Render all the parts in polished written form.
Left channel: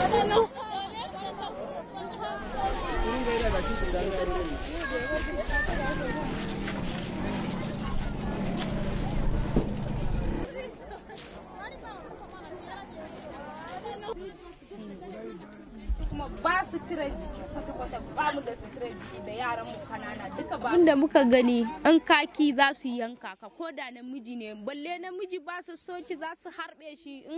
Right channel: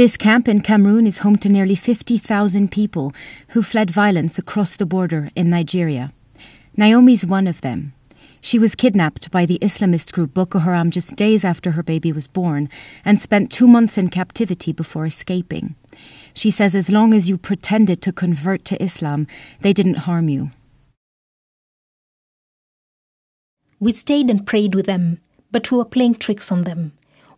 This camp in Cameroon is home to nearly 50,000 people who fled violence across the border in Nigeria. Naomi's one of them. She was kidnapped by the Islamist group Boko Haram just days after her baby was born and spent 2 months in captivity before escaping. She says as long as you pretended to convert to Islam, they didn't harm you. We stayed and prayed with them, but we were playing tricks on them.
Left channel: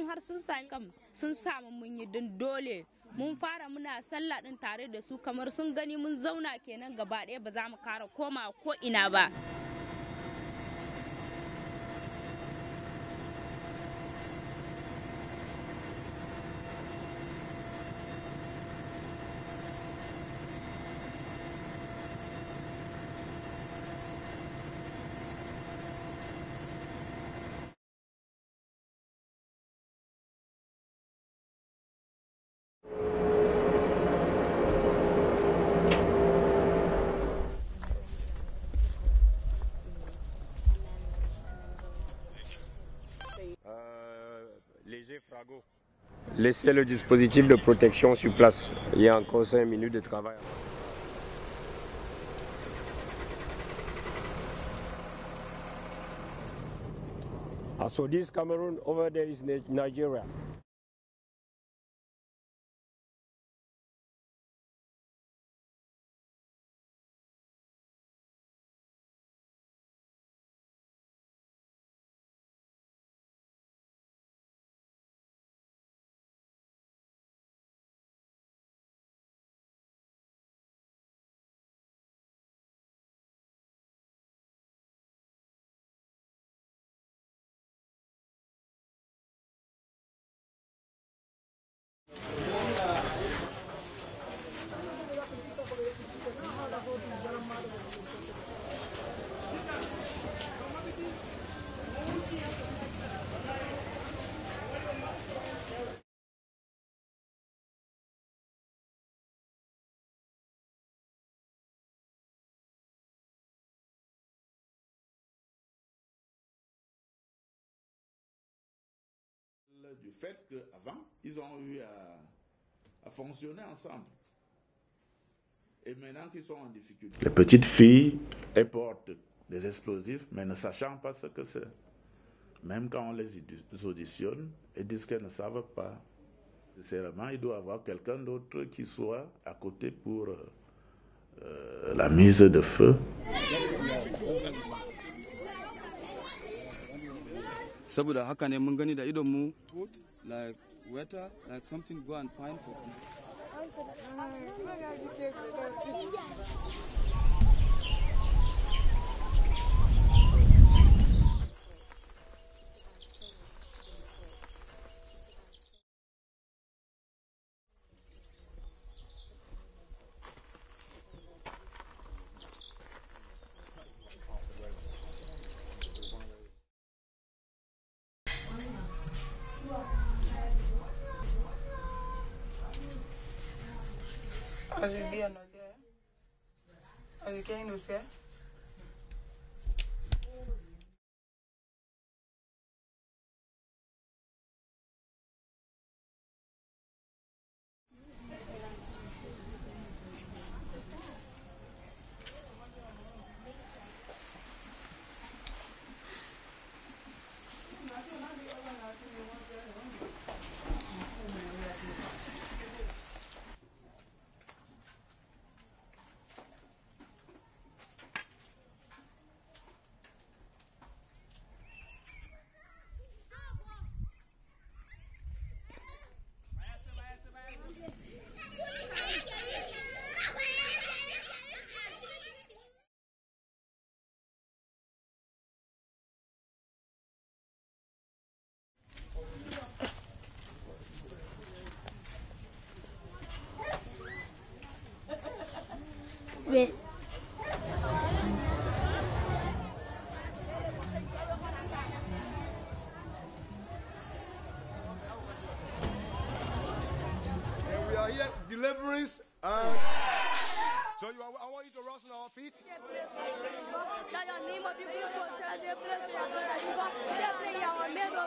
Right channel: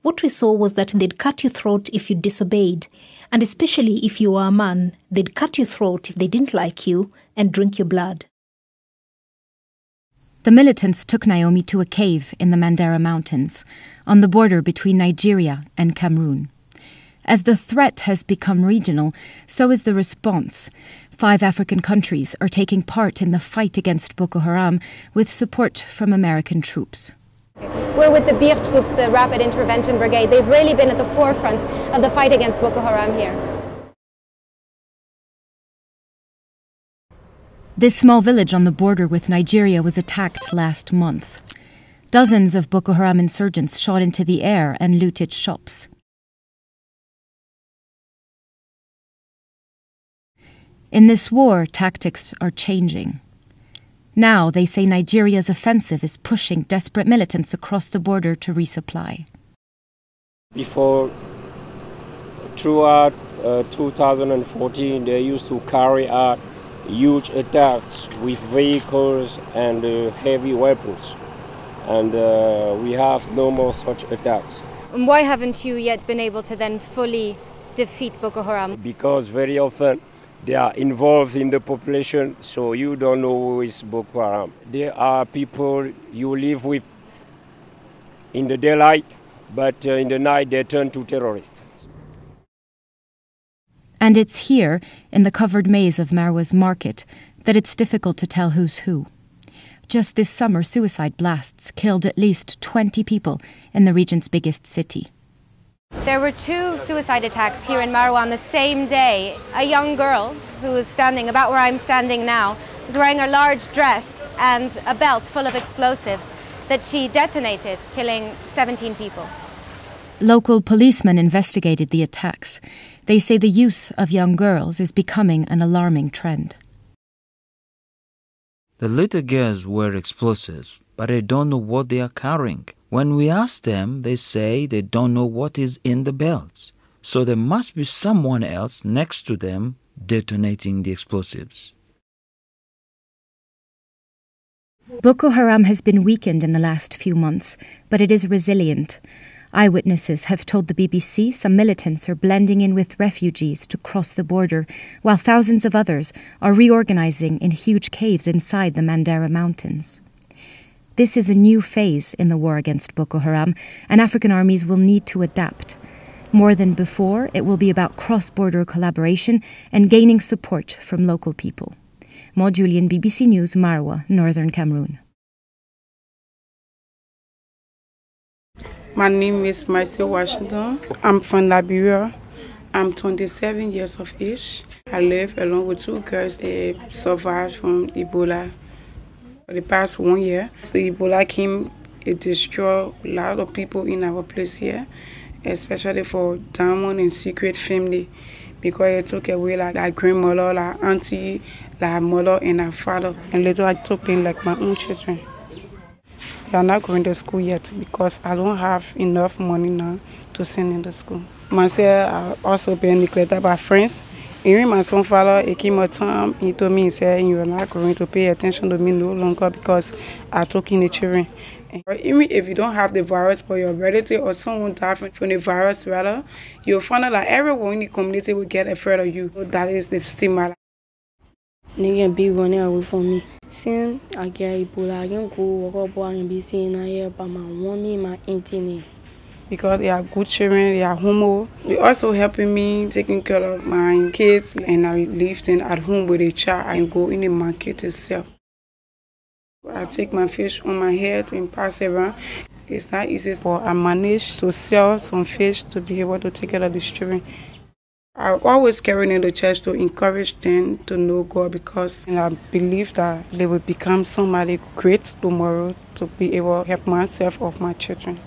What we saw was that they'd cut your throat if you disobeyed, and especially if you were a man, they'd cut your throat if they didn't like you and drink your blood. The militants took Naomi to a cave in the Mandara Mountains, on the border between Nigeria and Cameroon. As the threat has become regional, so is the response. 5 African countries are taking part in the fight against Boko Haram with support from American troops. We're with the BIR troops, the Rapid Intervention Brigade. They've really been at the forefront of the fight against Boko Haram here. This small village on the border with Nigeria was attacked last month. Dozens of Boko Haram insurgents shot into the air and looted shops. In this war, tactics are changing. Now they say Nigeria's offensive is pushing desperate militants across the border to resupply. Before, throughout 2014, they used to carry out huge attacks with vehicles and heavy weapons. And we have no more such attacks. And why haven't you yet been able to then fully defeat Boko Haram? Because very often they are involved in the population, so you don't know who is Boko Haram. There are people you live with in the daylight, but in the night they turn to terrorists. And it's here, in the covered maze of Marwa's market, that it's difficult to tell who's who. Just this summer, suicide blasts killed at least 20 people in the region's biggest city. There were 2 suicide attacks here in Marwa on the same day. A young girl who was standing about where I'm standing now was wearing a large dress and a belt full of explosives that she detonated, killing 17 people. Local policemen investigated the attacks. They say the use of young girls is becoming an alarming trend. The little girls wear explosives, but they don't know what they are carrying. When we ask them, they say they don't know what is in the belts. So there must be someone else next to them detonating the explosives. Boko Haram has been weakened in the last few months, but it is resilient. Eyewitnesses have told the BBC some militants are blending in with refugees to cross the border, while thousands of others are reorganizing in huge caves inside the Mandara Mountains. This is a new phase in the war against Boko Haram, and African armies will need to adapt. More than before, it will be about cross-border collaboration and gaining support from local people. Maud Julian, BBC News, Marwa, Northern Cameroon. My name is Marcia Washington. I'm from Liberia. I'm 27 years of age. I live along with 2 girls that survived from Ebola for the past 1 year. The Ebola came, it destroyed a lot of people in our place here, especially for Diamond and Secret family, because it took away like our grandmother, our auntie, like our mother and our father. And later I took them like my own children. They are not going to school yet because I don't have enough money now to send in to school. Myself, I also been neglected by friends. Even my son father, it came a time, he told me, he said, you are not going to pay attention to me no longer because I took in the children. Even if you don't have the virus, but your relative or someone died from the virus, rather, you'll find out that everyone in the community will get afraid of you. That is the stigma. They can be running away from me. Since I get Ebola, I can go walk up and be saying I hear about my mommy, my auntie. Because they are good children, they are homo. They also helping me taking care of my kids, and I leave them at home with a child and go in the market to sell. I take my fish on my head and pass it around. It's not easy, but I manage to sell some fish to be able to take care of the children. I always carry in the church to encourage them to know God, because I believe that they will become somebody great tomorrow to be able to help myself or my children.